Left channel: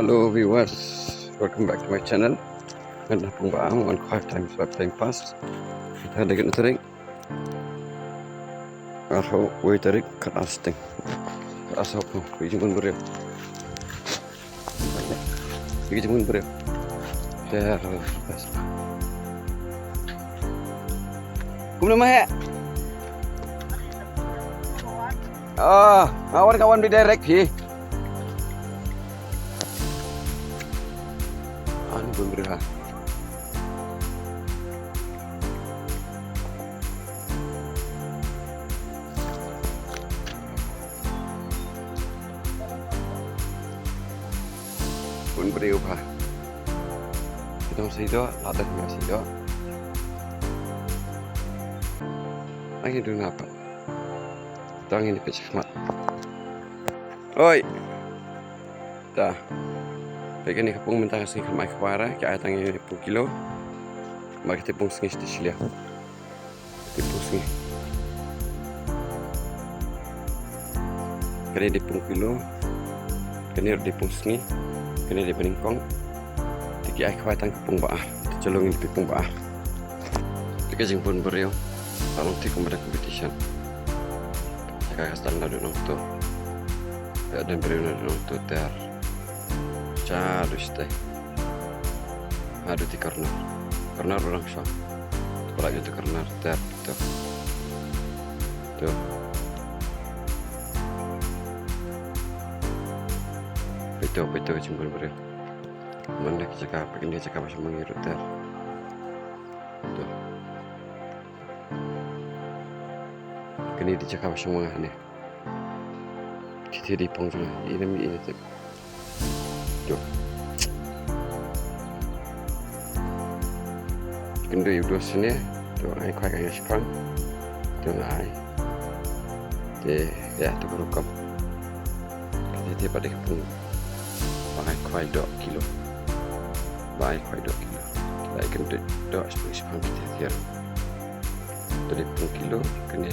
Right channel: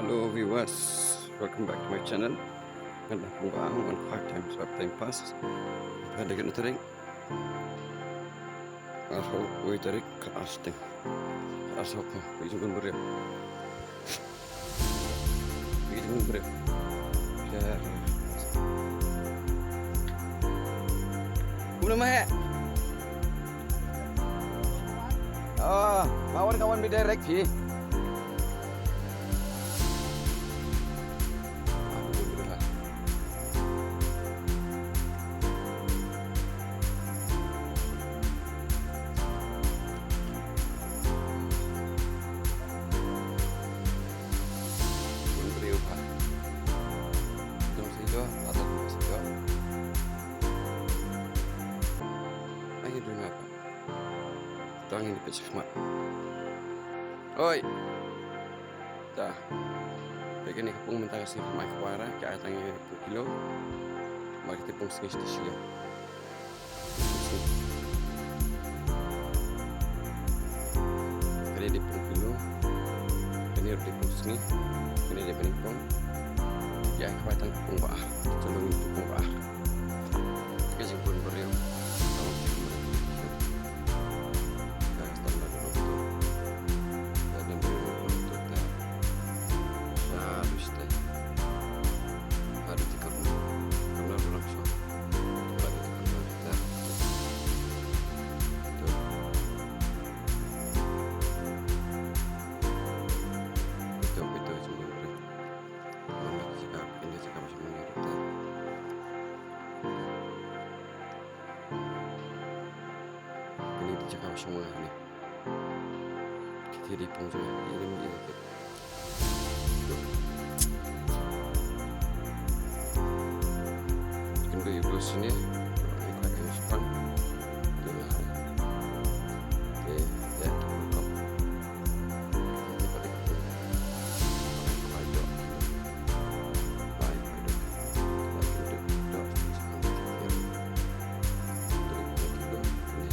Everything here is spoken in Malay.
Hello viewers, welcome back to my channel. Ngân pung bang on 5 time pass. Kita ada kena tarik. Aku wait tarik kat asting. Asap tu, pergi jemput beri. Pergi jemput beri. Ya, Kumna mah. Kawan-kawan di direct sih. Pun berubah. Kita masih itu, ada masih itu. Lagi dulu apa? Tangin di kecil Oi, dah. Pegang ni kapung mentang sini ke mai kuara, ke atas ni pun kilo. Mari kita pun sini sini. Kita sini. Kali di pun kilo. Kini di pun sini. Kini di peningkong. Tiki ai kuatang kapung baah. Celungin kapung baah. Tiki jeng pun beriau. Lalu tiki kepada competition. Kayak standar dulu tu. Dan beriau dulu tu ter. Harus deh. Ada di karena orang shop. Lagi tu karena ter tu. Itu cuma beriau. Mana cakap ini cakap macam mengiru ter. Kini dicakap semua ni. Kita di punggung ini tu. Kendo ibu sini, tu ai kuat yang sepan, tu ai, ya tu berukam. Jadi pada pun, ai kuat 2 kilo, ai kuat 2 kilo. Kita kendo 2 sepuluh sepan kita tiap. Dari 2 kilo, kena